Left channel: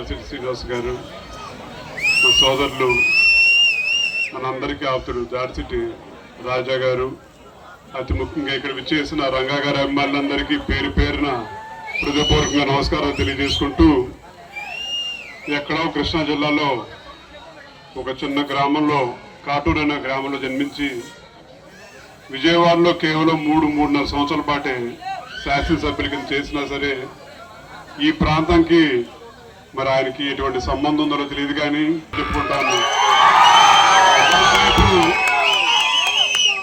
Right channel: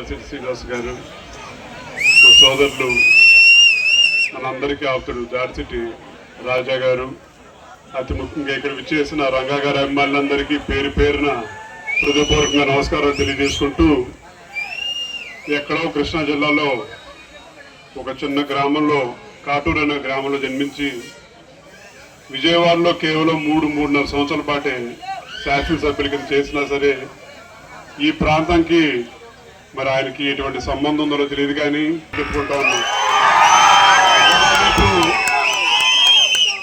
దాల్సిరి శ్రీనివాస్ గారు, మా సోదరులు, మనందరికీ ఆప్తుడు దాల్సిరి రాజా గారు, అతి ముఖ్యంగా ఇక్కడ విచ్చేసిన రంగా గారి అభిమానులందరికీ పేరు పేరున హృదయపూర్వకంగా నమస్కారాలు తెలియజేసుకుంటూ, ఎక్కడో కృష్ణా జిల్లాలో ఒక చిన్న గ్రామంలో కాటూరు అనే గ్రామంలో జన్మించి విజయవాడలో కేవలం 3.5 సంవత్సరాల పాటే శాసనసభ్యుల కింద చేసినా సరే ఈ ప్రాంతానికి మరి ఆయనకి ఎటువంటి సంబంధం ఉందో తెలియదు కానీ చెప్పుకుంటా ఉన్నాం.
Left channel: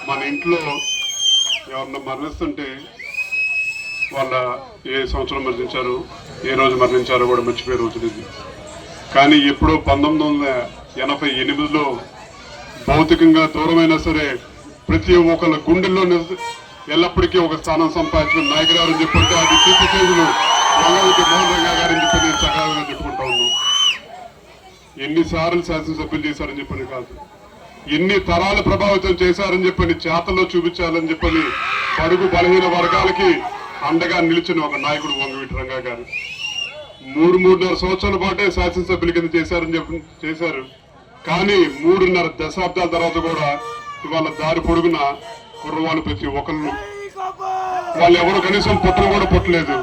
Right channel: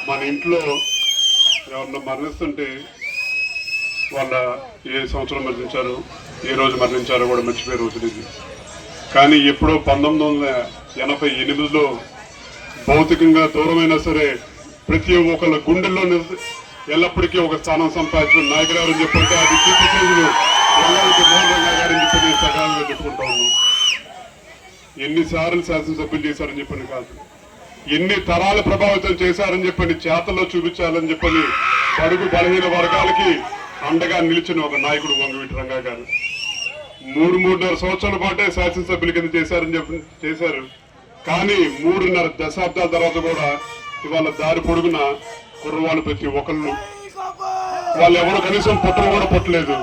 మన ఇంట్లో ఎవరన్నా మరణిస్తుంటే వాళ్ళ ఏ సంవత్సరం మరణించారో ఏ రోజు మరణించారో కూడా మర్చిపోయే రోజులు ఇది. కానీ ఎప్పుడో 1988లో భౌతికంగా దూరమైనా సరే ప్రతి ఒక్కళ్ళ గుండెల్లో ఎల్లప్పటికీ ఒక స్థానం సంపాదించిన నాయకురారు అని చెప్పంటే అది కీర్తిశేషులు మోహన్ రంగా గారని చెప్పి సకాలంగా చెప్పుకుంటా ఉన్నాం. ఎన్నిసార్లు శాసనసభ్యులు చేశారని చెప్పని కాదు, ఎన్ని తరాలు ప్రభావితం చేశారని చెప్పని చేతల్లో చూపించాలని చెప్పని బడుగు బలహీన వర్గాలకి అండగా నిలిచిన ఒక నాయకుడు వంగవీటి రంగా గారు 3.5 సంవత్సరాల పాటే శాసనసభ్యుల కింద చేశారు. కానీ 3.5 దశాబ్దాల తర్వాత కూడా ఇవాళ దారి పొడుగున కుర్రవాళ్ళు ప్రతి ఒక్కళ్ళు వాళ్ళు ఎవరు కనీసం పుట్టను కూడా పుట్టలేదు.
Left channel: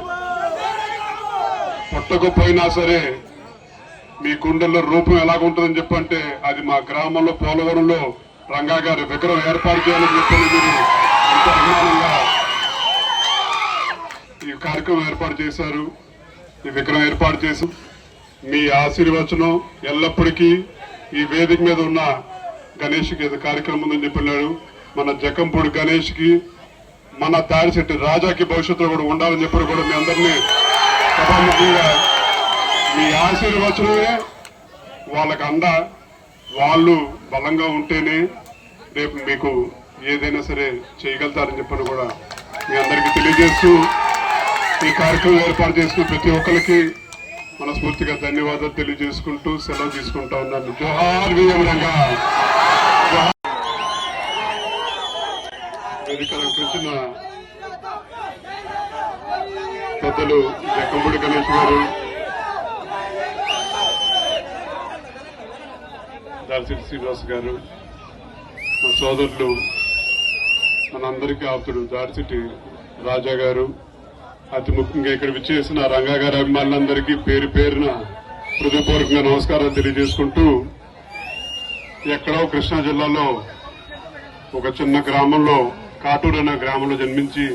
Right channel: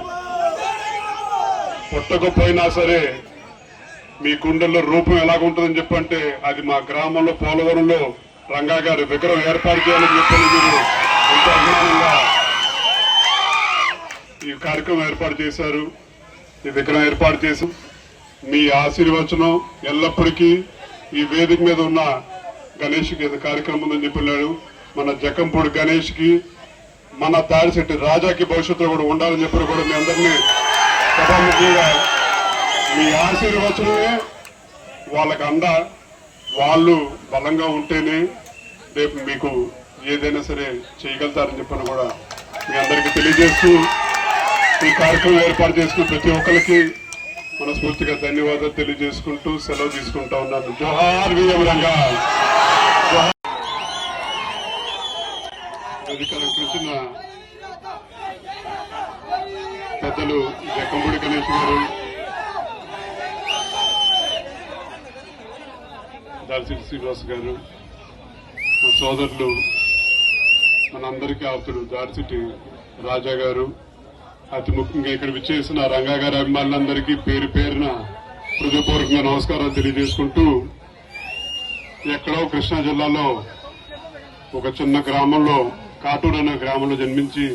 పుట్టకపోయినా సరే మీ గుండెల్లో రూపం ఎలాగుంటుందని చెప్పంటే అది మా గ్రామంలో పోలవరంలో రంగా గారి విగ్రహం ఏర్పాటు చేయాలని చెప్పని మీరు ఎంతో అభిమానంగా ఈ కార్యక్రమం ఏర్పాటు చేశారు. ఈ విగ్రహం ఏర్పాటు చేసి మీ ఆశీర్వచనం ఎల్లప్పటికీ ఈ వేదిక మీద ఉన్న గణేష్కి కార్యక్రమం ఉందని చెప్పినాడు. మన జకంపూడి గణేష్కి, మన దారిశెట్టి రాజాకి భవిష్యత్తులో కూడా ఉండాలని చెప్పి కూడా మీ అందరినీ సభాముఖంగా మీ ఆశీర్వచనమే వాళ్ళకి అండ. వాళ్ళు బలంగా ఉంటేనే రేపు మీకు ఏదైనా సరే చేయగలుగుతారని చెప్పని కూడా మీ అందరికీ తెలియజేస్తూ ఈ కార్యక్రమం ఏర్పాటు చేసుకున్న ప్రతి ఒక్కరికి మనస్ఫూర్తిగా ధన్యవాదాలు తెలియజేసుకుంటూ సెలవు తీసుకుంటా ఉన్నాను. జోహార్ విజయ రంగా. వేదికలకు వచ్చిన పెద్దలు జకంపూడి గణేష్ గారు, దాల్సిరి శ్రీనివాస్ గారు, మా సోదరులు, మనందరికీ ఆప్తుడు దాల్సిరి రాజా గారు, అతి ముఖ్యంగా ఇక్కడ విచ్చేసిన రంగా గారి అభిమానులందరికీ పేరు పేరున హృదయపూర్వకంగా నమస్కారాలు తెలియజేసుకుంటూ, ఎక్కడో కృష్ణా జిల్లాలో ఒక చిన్న గ్రామంలో కాటూరు అనే గ్రామంలో జన్మించి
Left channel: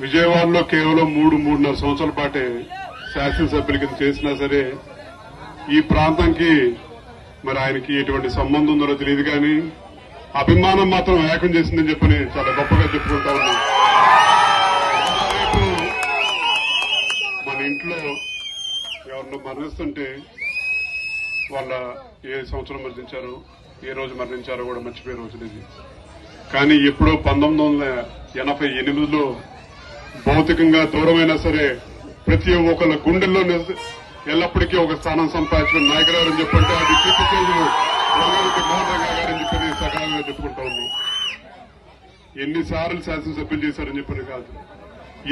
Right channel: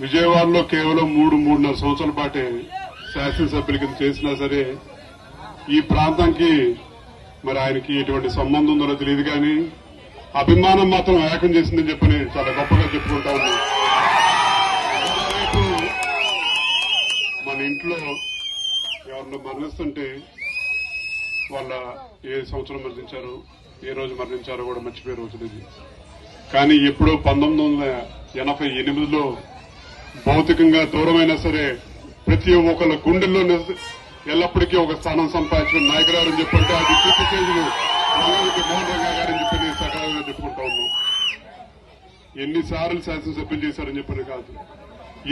విజయవాడలో కేవలం 3.5 సంవత్సరాల పాటే శాసనసభ్యుల కింద చేసినా సరే ఈ ప్రాంతానికి మరి ఆయనకి ఎటువంటి సంబంధం ఉందో తెలియదు కానీ అభిమానం మాత్రం ఏకం చేసిందని చెప్పని చాలా గొప్పగా చెప్పుకుంటా ఉన్నాం. మన ఇంట్లో ఎవరిని మరణిస్తుంటే వాళ్ళ ఏ సంవత్సరం మరణించారో ఏ రోజు మరణించారో కూడా మర్చిపోయే రోజులు ఇది. కానీ ఎప్పుడో 1988లో భౌతికంగా దూరమైనా సరే ప్రతి ఒక్కళ్ళ గుండెల్లో ఎల్లప్పటికీ ఒక స్థానం సంపాదించిన నాయకురారు అని చెప్పంటే అది కీర్తిశేషులు మోహన్ రంగా గారని చెప్పి సకాలంగా చెప్పుకుంటా ఉన్నాం. ఎన్నిసార్లు శాసనసభ్యులు చేశారని చెప్పని కాదు,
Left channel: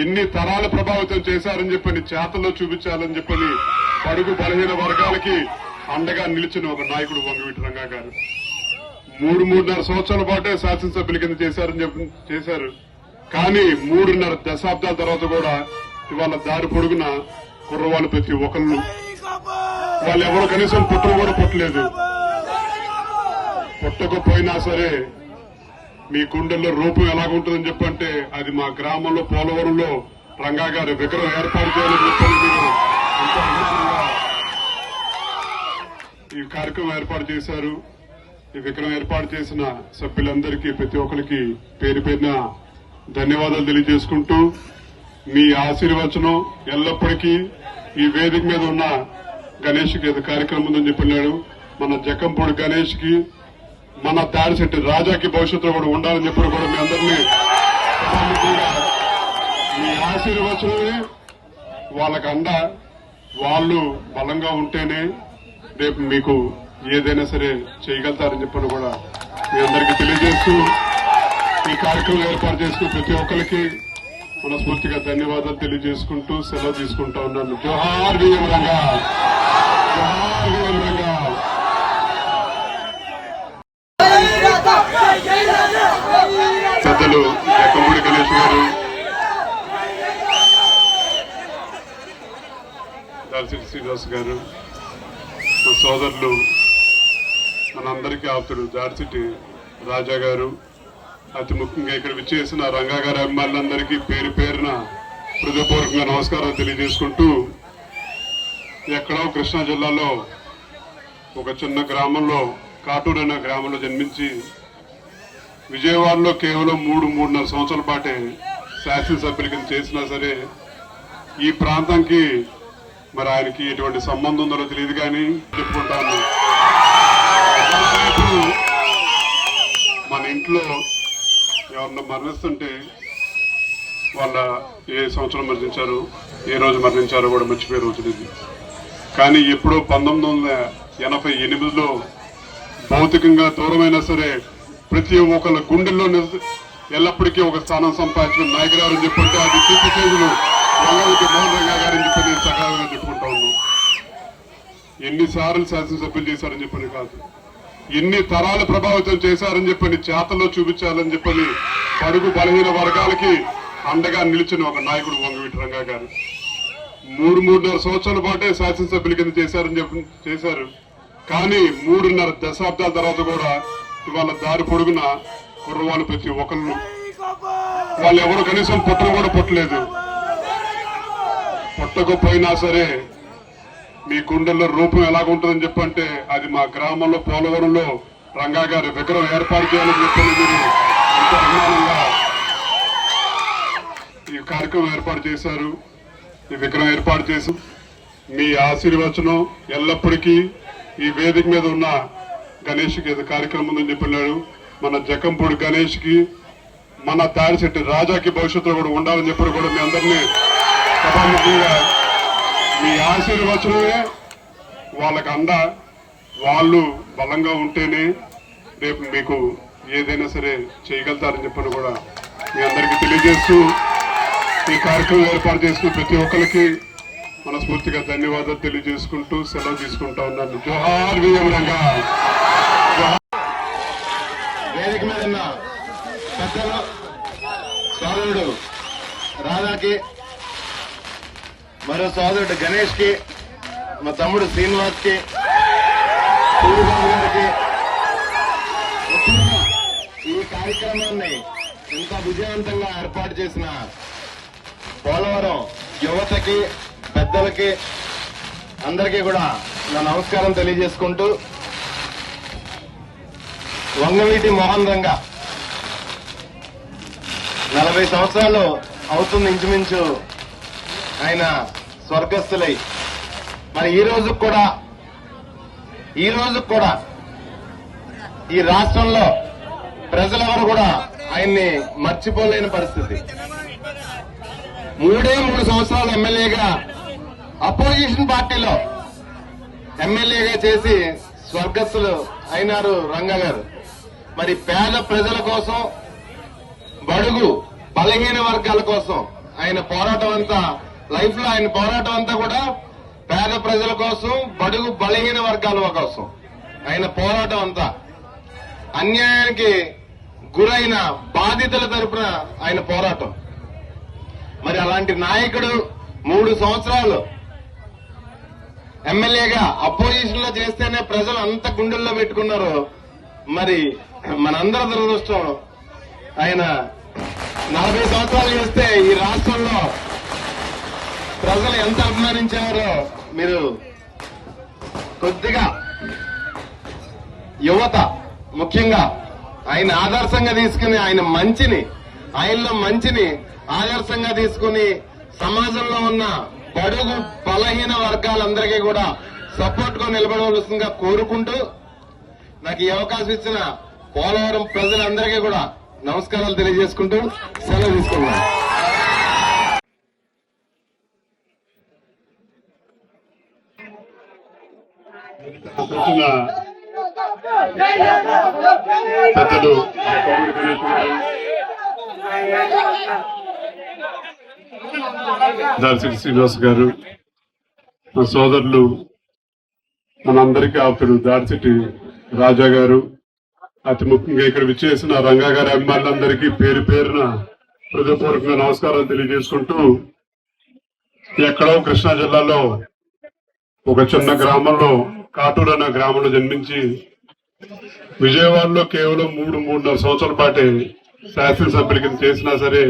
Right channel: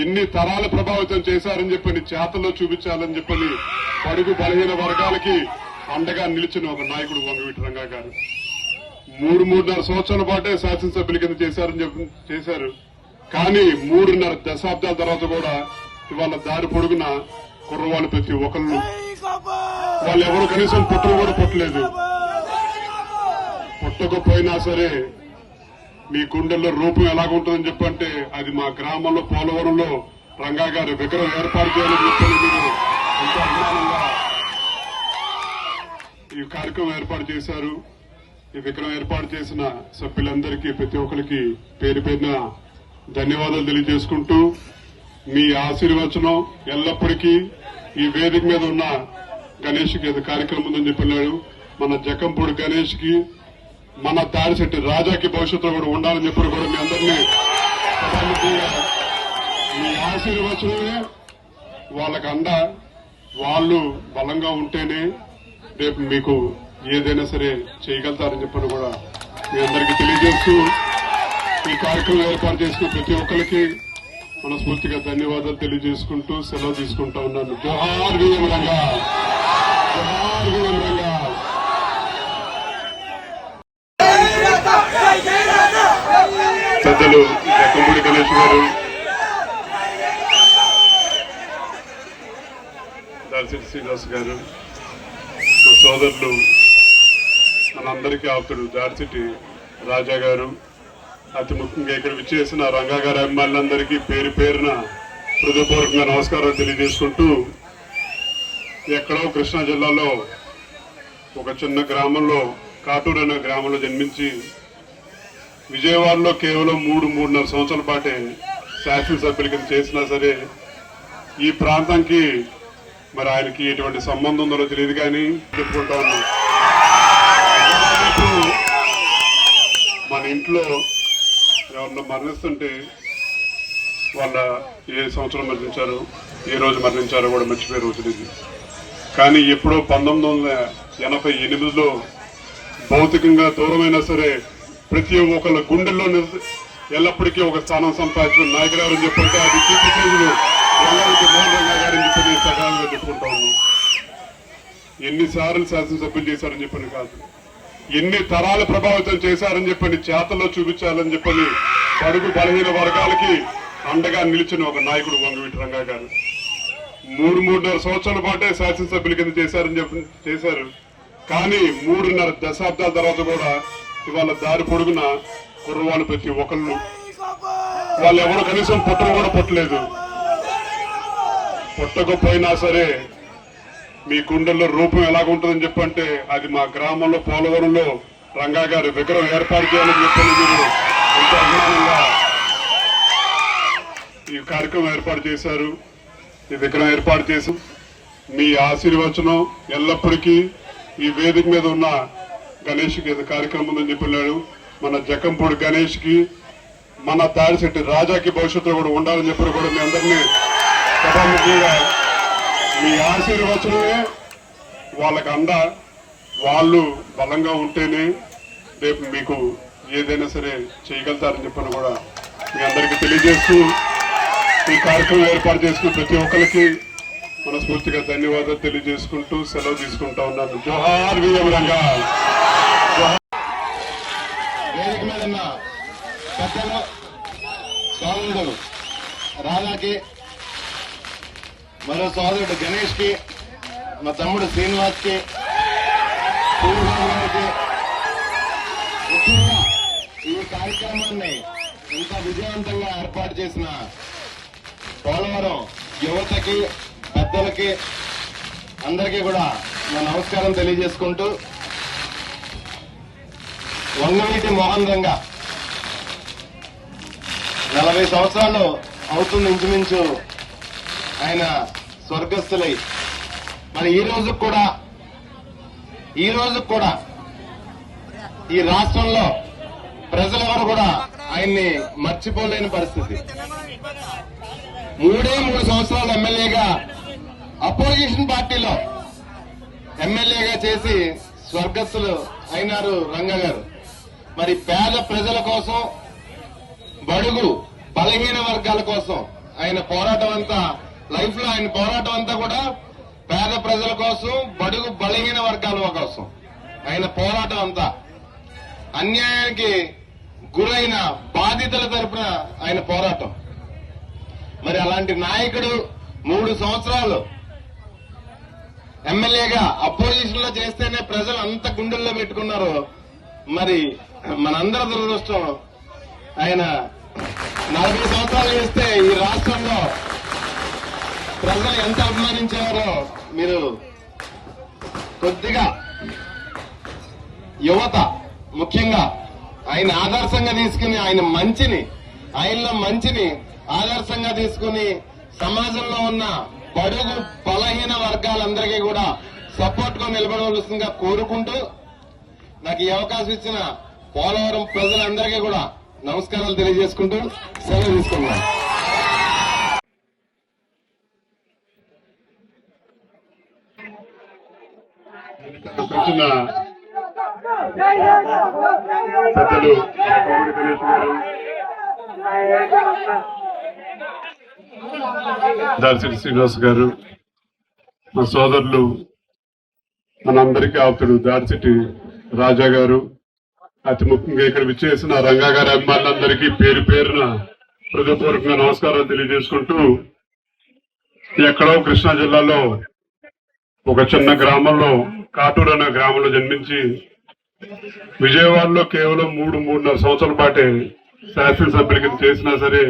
ఎన్ని తరాలు ప్రభావితం చేశారని చెప్పని చేతల్లో చూపించాలని చెప్పని బడుగు బలహీన వర్గాలకి అండగా నిలిచిన ఒక నాయకుడు వంగవీటి రంగా గారు 3.5 సంవత్సరాల పాటే శాసనసభ్యుల కింద చేశారు. కానీ 3.5 దశాబ్దాల తర్వాత కూడా ఇవాళ దారి పొడుగున కుర్రవాళ్ళు ప్రతి ఒక్కళ్ళు వాళ్ళు ఎవరు కనీసం పుట్టను కూడా పుట్టలేదు. పుట్టకపోయినా సరే మీ గుండెల్లో రూపం ఎలాగుంటుందని చెప్పంటే అది మా గ్రామంలో పోలవరంలో రంగా గారి విగ్రహం ఏర్పాటు చేయాలని చెప్పని మీరు ఎంతో అభిమానంగా ఈ కార్యక్రమం ఏర్పాటు చేశారు. ఈ విగ్రహం ఏర్పాటు చేసిన సభ్యులందరికీ ప్రతి ఒక్కరికి పేరు పేరున ధన్యవాదాలు తెలియజేసుకుంటూ మీ ఆశీర్వచనం ఎల్లప్పటికీ ఈ వేదిక మీద ఉన్న గణేష్కి కార్యక్రమం ఉందని చెప్పినాడు. మన జకంపూడి గణేష్కి, మన దారిశెట్టి రాజాకి భవిష్యత్తులో కూడా ఉండాలని చెప్పి కూడా మీ అందరినీ సభాముఖంగా మీ ఆశీర్వచనమే వాళ్ళకి అండ. వాళ్ళు బలంగా ఉంటేనే రేపు మీకు ఏదైనా సరే చేయగలుగుతారని చెప్పని కూడా మీ అందరికీ తెలియజేస్తూ ఈ కార్యక్రమం ఏర్పాటు చేసుకున్న ప్రతి ఒక్కరికి మనస్ఫూర్తిగా ధన్యవాదాలు తెలియజేసుకుంటూ సెలవు తీసుకుంటా ఉన్నాను. జోహార్ విఎం రంగా, జోహార్ విఎం రంగా. పెద్దలు జక్కంపూడి గణేష్ గారు, దాల్సిటి శ్రీనివాస్ గారు, మా సోదరులు, మనందరికీ ఆప్తుడు దాల్సిటి రాజా గారు, అతి ముఖ్యంగా ఇక్కడ విచ్చేసిన రంగా గారి అభిమానులందరికీ పేరు పేరున హృదయపూర్వకంగా నమస్కారాలు తెలియజేసుకుంటూ, ఎక్కడో కృష్ణా జిల్లాలో ఒక చిన్న గ్రామంలో, కాటూరు అనే గ్రామంలో జన్మించి విజయవాడలో కేవలం 3-3.5 సంవత్సరాల పాటే శాసనసభ్యుల కింద చేసినా సరే ఈ ప్రాంతానికి మరి ఆయనకి ఎటువంటి సంబంధం ఉందో తెలియదు కానీ చెప్పుకుంటాను. మన ఇంట్లో ఎవరన్నా మరణిస్తుంటే వాళ్ళ ఏ సంవత్సరం మరణించారో, ఏ రోజు మరణించారో కూడా మర్చిపోయే రోజులు ఇది. కానీ ఎప్పుడో 1988లో భౌతికంగా దూరమైనా సరే ప్రతి ఒక్కళ్ళ గుండెల్లో ఎల్లప్పటికీ ఒక స్థానం సంపాదించిన నాయకులు ఎవరని చెప్పంటే అది కీర్తి చేతులు రంగారెడ్డి మోహన్ రంగా గారని చెప్పి నేను సకాలంగా చెప్పుకుంటా ఉన్నాను. ఎన్నిసార్లు శాసనసభ్యులు చేశారని చెప్పని కాదు, ఎన్ని తరాలు ప్రభావితం చేశారని చెప్పని చేతల్లో చూపించాలని చెప్పని బడుగు బలహీన వర్గాలకి అండగా నిలిచిన ఒక నాయకుడు వంగవీటి రంగా గారు 3-3.5 సంవత్సరాల పాటే శాసనసభ్యుల కింద చేశారు. కానీ 3.5 దశాబ్దాల తర్వాత కూడా ఇవాళ దారి పొడుగున కుర్రవాళ్ళు ప్రతి ఒక్కళ్ళు, వాళ్ళు ఎవరు కనీసం పుట్టలు కూడా పుట్టలేదు. పుట్టకపోయినా సరే మీ గుండెల్లో రూపం ఎలాగుంటుందని చెప్పంటే అది మా గ్రామంలో పోలవరంలో రంగా గారి విగ్రహం ఏర్పాటు చేయాలని చెప్పని మీరు ఎంతో అభిమానంగా ఈ కార్యక్రమం ఏర్పాటు చేశారు. ఈ విగ్రహం ఏర్పాటు చేసి మీ ఆశీర్వచనం ఎల్లప్పటికీ ఈ వేదిక మీద ఉన్న గణేష్కి కార్యక్రమం ఉందని చెప్పినాడు. మన జక్కంపూడి గణేష్కి, మన దాడిశెట్టి రాజాకి భవిష్యత్తులో కూడా ఉండాలని చెప్పి కూడా మీ అందరినీ సభాముఖంగా మీ ఆశీర్వచనమే వాళ్ళకి అండ. వాళ్ళు బలంగా ఉంటేనే రేపు మీకు ఏదైనా సరే చేయగలుగుతారని చెప్పని కూడా మీ అందరికీ తెలియజేస్తూ ఈ కార్యక్రమం ఏర్పాటు చేసుకున్న ప్రతి ఒక్కరికి మనస్ఫూర్తిగా ధన్యవాదాలు తెలియజేసుకుంటూ సెలవు తీసుకుంటా ఉన్నాను. జోహార్ విఎం రంగా. వేదిక మీద ఉన్న పెద్దలు సోదరుడు రాధాకి, మరో సోదరుడు గణేష్ కి, మా తమ్ముడు శ్రీనివాస్ కి, సూర్యబాబు గారికి, ముఖ్యంగా ఈ కార్యక్రమాన్ని ఇంత విజయవంతంగా ఏర్పాటు చేసిన పోలవరం యువతకి, పెద్దలకి అందరికీ కూడా నా నమస్కారం తెలియజేసుకుంటూ, వంగవీటి మోహన్ రంగా 40 సంవత్సరాలు అవుతుంది ఇంచుమించు ఆయన స్వర్గస్థులై. మరి ఈ రోజు కూడా ఈ రాష్ట్రంలో ప్రజలెవరు కూడా ఆయన్ని మర్చిపోలేని పరిస్థితి. 3 సంవత్సరాలు ఎమ్మెల్యేగా అపోజిషన్ పార్టీలో ఎమ్మెల్యేగా చేసి స్వర్గస్థులు అయినారు రంగా గారు. మరి పేద ప్రజల కోసం, బడుగు బలహీన వర్గాల కోసం ఆయన పోరాటం అంతా, లైఫ్ లో ఆయన పోరాటం అంతా కూడా పేద ప్రజల కోసం, బడుగు బలహీన వర్గాల కోసం ఆయన పోరాటం అంతా. అన్యాయానికి గురైన బాధితుల తరపున ఆయన పోరాటం. మరి అలాంటి నాయకుడు 3 సంవత్సరాలు ఎమ్మెల్యేగా అపోజిషన్ లో చేస్తేనే ప్రజలు అంత గుండెల్లో పెట్టుకున్నారు. మరి మనందరి దురదృష్టం ఆయన 40 సంవత్సరాలు చేస్తే ఈ రాష్ట్రంలో ప్రజలు ఎంత అభిమానించేవారో మీరు కొద్దిగా యువత ముఖ్యంగా ఆయన ఆదర్శంగా తీసుకుని, ఆయనలో మంచిని ఆదర్శంగా తీసుకుని సమాజంలో ఉన్న బడుగు బలహీన వర్గాలందరికీ కూడా సపోర్ట్ గా నిలబడవలసిందిగా కోరుకుంటూ, నాకు ఈ అవకాశం ఇచ్చిన పోలవరం ప్రజలందరికీ కూడా నమస్కారాలు తెలియజేసుకుంటూ సెలవు తీసుకున్నాను. పెద్దలు దార్శెట్టి శ్రీనివాస్ గారు, మా సోదరులు, మనందరికీ ఆప్తుడు దార్శెట్టి రాజా గారు, అతి ముఖ్యంగా ఇక్కడ విచ్చేసిన రంగా గారి అభిమానులందరికీ పేరు పేరున హృదయపూర్వకంగా నమస్కారాలు తెలియజేసుకుంటూ, ఎక్కడో కృష్ణా జిల్లాలో ఒక చిన్న గ్రామంలో, కాటూరు అనే గ్రామంలో జన్మించి విజయవాడలో కేవలం 3-3.5 సంవత్సరాల పాటే శాసనసభ్యుల కింద చేసినా సరే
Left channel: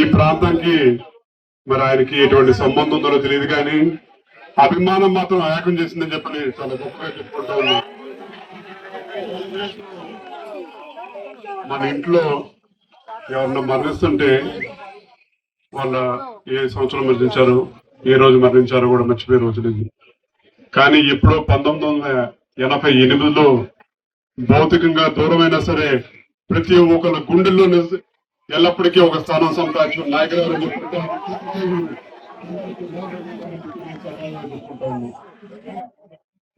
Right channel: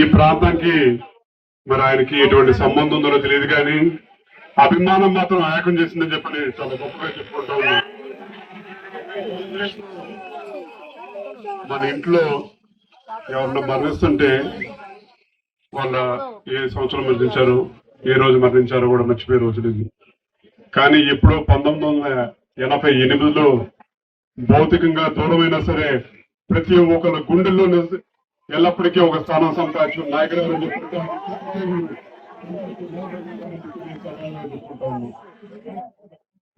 ఈ ప్రాంతానికి మరి ఆయనకి ఎటువంటి సంబంధం ఉందో తెలియదు, కానీ అభిమానం మాత్రం ఏకం చేసిందని చెప్పని చాలా గొప్పగా చెప్పుకుంటా ఉన్నా. మన ఇంట్లో ఎవరన్నా మరణిస్తుంటే వాళ్ళ ఏ సంవత్సరం మరణించారో, ఏ రోజు మరణించారో కూడా మర్చిపోయే రోజు లేదు. కానీ ఎప్పుడో 1988లో భౌతికంగా దూరమైనా సరే ప్రతి ఒక్కరి గుండెల్లో ఎల్లప్పటికీ ఒక స్థానం సంపాదించిన నాయకులు ఎవరని చెప్పుకుంటాం.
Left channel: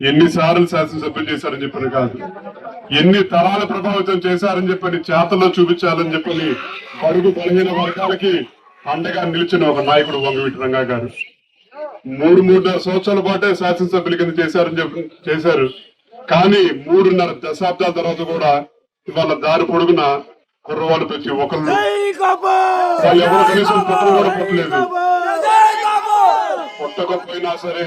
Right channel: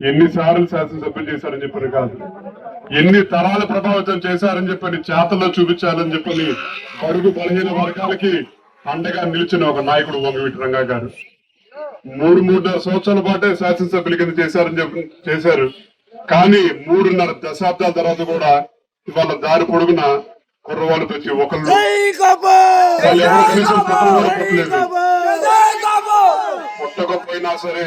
ఎన్నిసార్లు శాసనసభ్యులు చేశారని చెప్పని కాదు, ఎన్ని తరాల ప్రభావితం చేశారని చెప్పని చేతల్లో చూపించాలని చెప్పని అడుగు బలహీన వర్గాలకి అండగా నిలిచిన ఒక నాయకుడు వంగవీటి రంగా గారు 3-3.5 సంవత్సరాల పాటే శాసనసభ్యుల కింద చేశారు. కానీ 3.5 దశాబ్దాల తర్వాత కూడా ఇవాళ దారి పొడుగున కుర్రవాళ్ళు ప్రతి ఒక్కళ్ళు ఎవరు కనీసం పుట్టలేదు, పుట్టకపోయినా సరే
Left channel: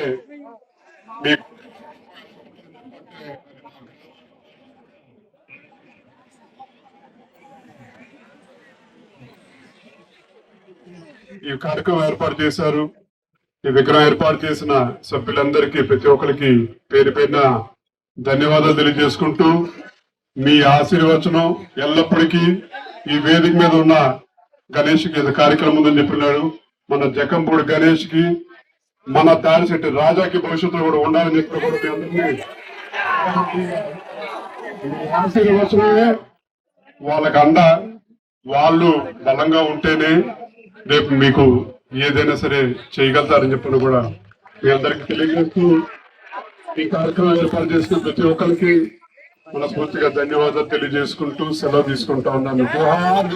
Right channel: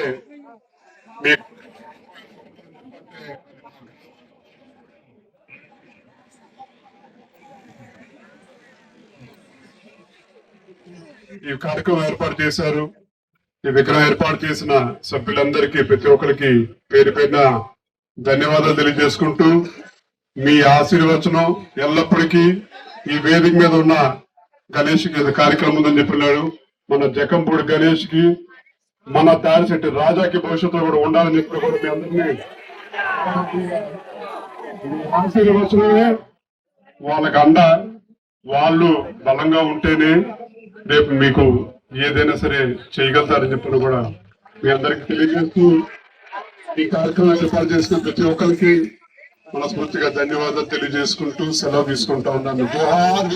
ఈ కార్యక్రమం ఏర్పాటు చేశారు. ఈ విగ్రహం ఏర్పాటు చేసిన సభ్యులందరికీ, ప్రతి ఒక్కరికి పేరు పేరున ధన్యవాదాలు తెలియజేసుకుంటూ, మీ ఆశీర్వచనం ఎల్లప్పటికీ ఈ వేదిక మీద ఉన్న గణేష్ కి కార్యక్రమం ఉందని చెప్పినాడు. మన జకంపూడి గణేష్ కి, మన దారిశెట్టి రాజాకి భవిష్యత్తు కూడా ఉండాలని చెప్పి కూడా మీ అందరినీ ఆశీర్వచనమే వాళ్ళకి అండ. వాళ్ళు బలంగా ఉంటేనే రేపు మీకు ఏదైనా సరే చేయగలుగుతారని చెప్పిన కూడా మీ అందరికి తెలియజేస్తూ, ఈ కార్యక్రమం ఏర్పాటు చేసుకున్న ప్రతి ఒక్కరికి మనస్ఫూర్తిగా ధన్యవాదాలు తెలియజేసుకుంటూ సెలవు తీసుకుంటా ఉన్నాను. జోహార్.